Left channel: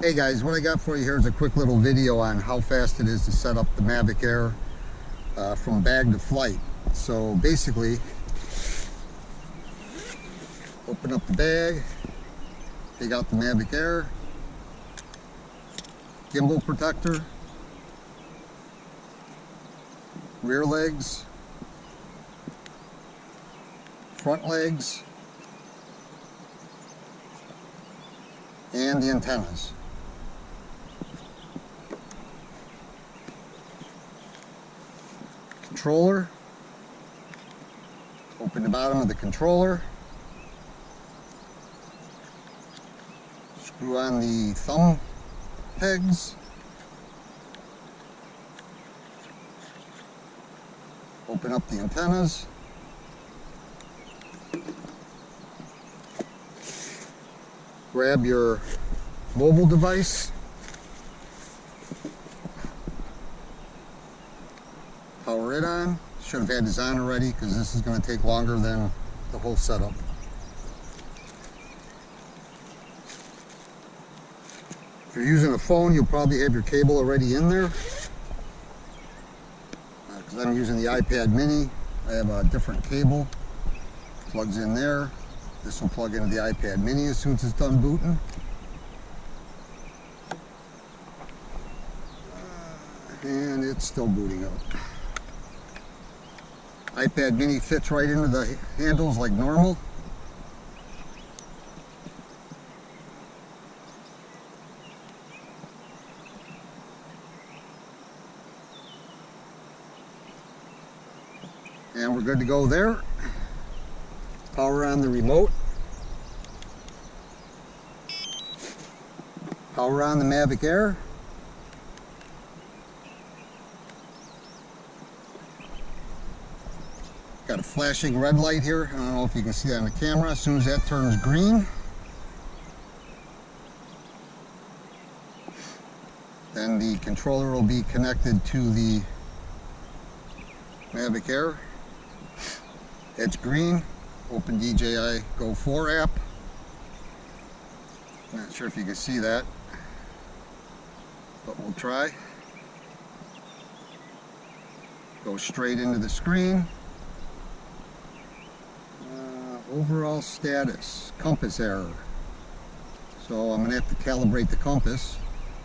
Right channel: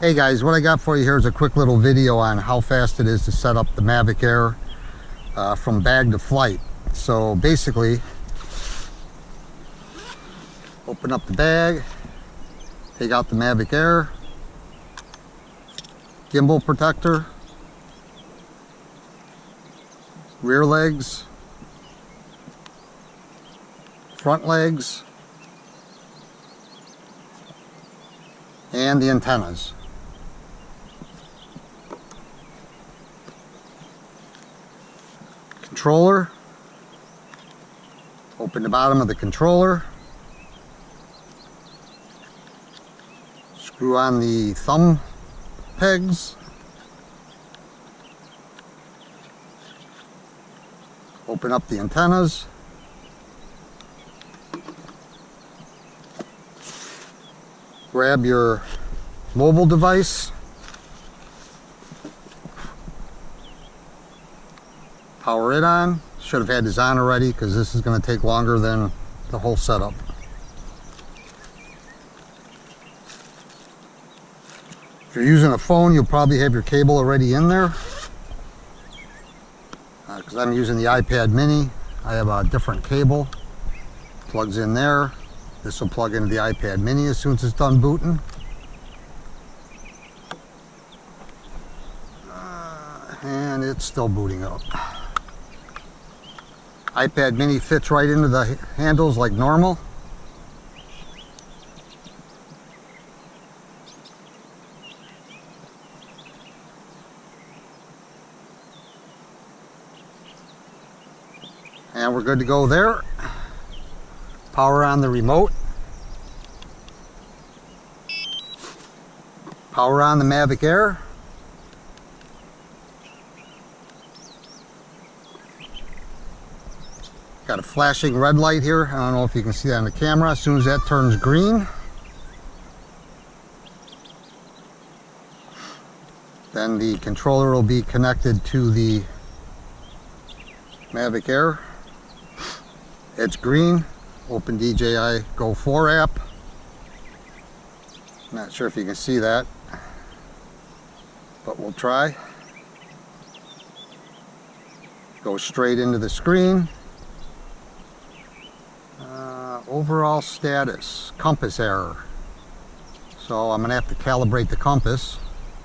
Hey guys, what I got for you here is a quick little video on how fast it is to set up the Mavic Air from bag to flight. So basically, open up the bag, take out the Mavic Air, gimbal protector, rear legs, front legs, and the antennas. Controller, open the bottom of the controller, screw on the thumb pegs, open up the antennas, grab your mobile device, power it on. Should have had this on already because this is going to take longer than the whole setup. If you're using a phone, you'll probably have your cable already in there. Because I'm using the iPad mini, I have a different cable. Plugs in there. This will plug into the iPad mini as soon as it's done booting. And it's still booting up. iPad mini fits right into the handles like normal. And we're good to go there. Power on the remote. Power on the Mavic Air. Got a flashing red light here. I don't know if you can see that on the camera. As soon as that turns green, then the controller will be connected to the Mavic Air. It's green. Open DJI Go 4 app. Not sure if you can see that, but we'll try. Go straight into the screen. Overall status, compass error. So I'm going to have to calibrate the compass.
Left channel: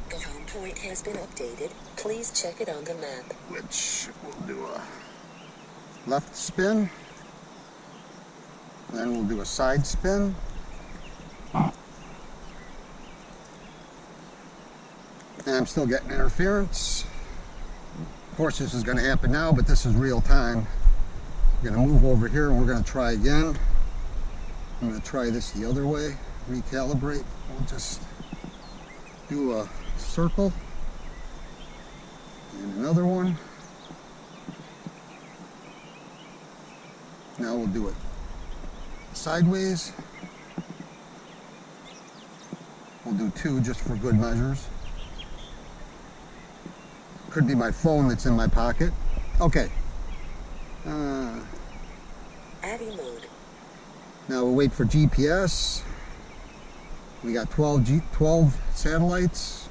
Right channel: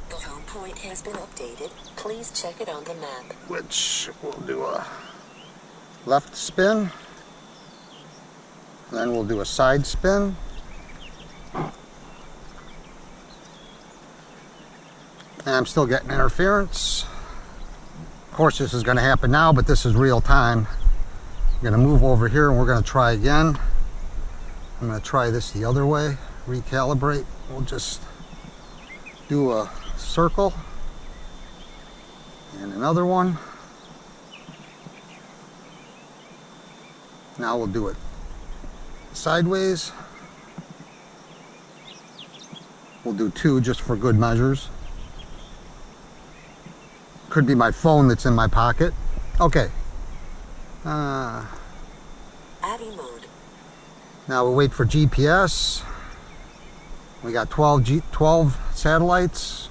The home point has been updated. Please check it on the map. Which we'll do a left spin. Then we'll do a side spin. And I'm still getting interference. Of course this is going to happen now, but this is real time. I'm going to move over here and we're going to try again. I'm going to try this the other way, recalibrate. We'll just do a circle and another one. Now we'll do it sideways. We'll do two just for good measures. Could be my phone that's in my pocket. Okay. AVI mode. Now we'll wait for GPS. We got 12 satellites.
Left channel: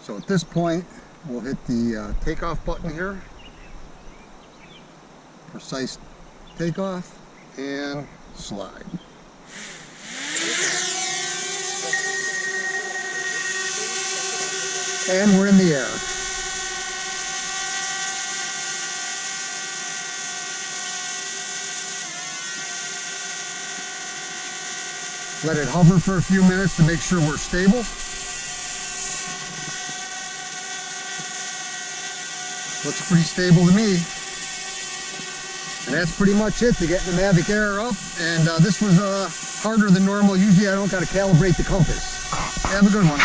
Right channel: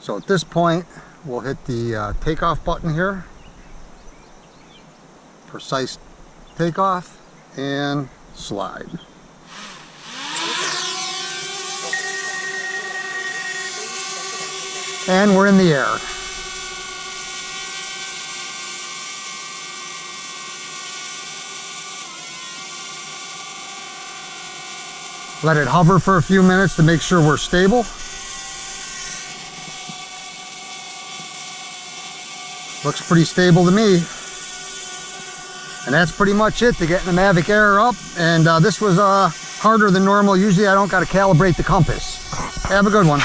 So at this point, we'll hit the takeoff button here. Precise takeoff and slide. And we're in the air. Let it hover for a few minutes to make sure we're stable. Looks pretty stable to me. And that's pretty much it to getting the Mavic Air up. And this was harder than normal. Usually I don't got to calibrate the compass. Have a good one.